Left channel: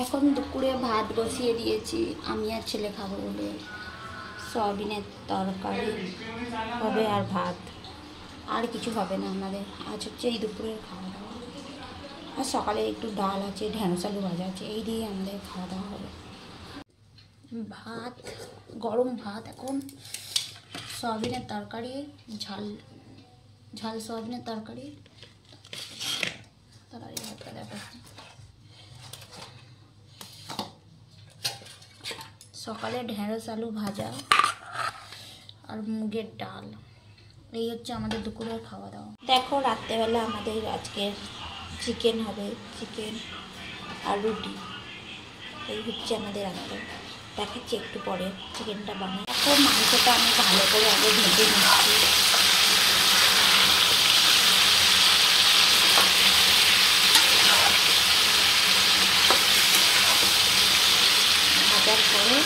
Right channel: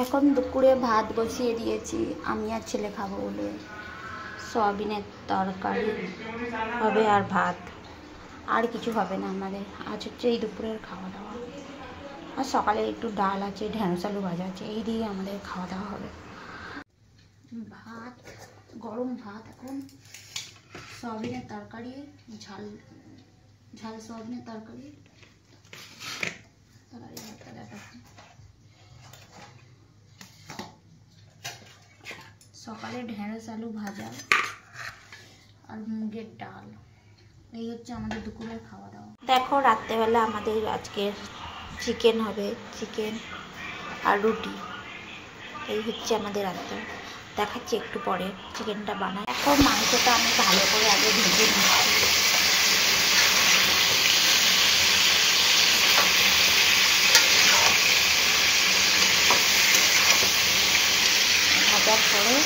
এখন দুপুরে ভাত বসিয়ে দিয়েছি, আমি আর ছেলে খাবো বলে। সয়াবিনের তরকারি হবে আর ভাত, আর কিছু হবে না আমাদের। আজ হচ্ছে এই দুপুরের খাওয়া দাওয়া। আর সকালে একটু ডাল আছে, ঢেঁড়স আলু ভাজা আছে, এই দিয়ে আমাদের খাওয়া দাওয়া হবে। ভাত, গরম ভাত, এখন সয়াবিনের তরকারি, ঝাল ঝাল সয়াবিনের তরকারি। সকালে ঢেঁড়স আলু ভাজা আর মুগের ডাল, এই হচ্ছে আমাদের দুপুরের খাওয়া দাওয়া। দেখো রাত্রেবেলা আমাদের আজকে চিকেন হবে, চিকেন আর রুটি, এই হচ্ছে আমাদের রাত্রে। দেখাচ্ছি একটু পরে চিকেনটা বানাই। এখন মাংসটা আমি ভালো করে আগে ভেজে নিচ্ছি। ভাজার পরে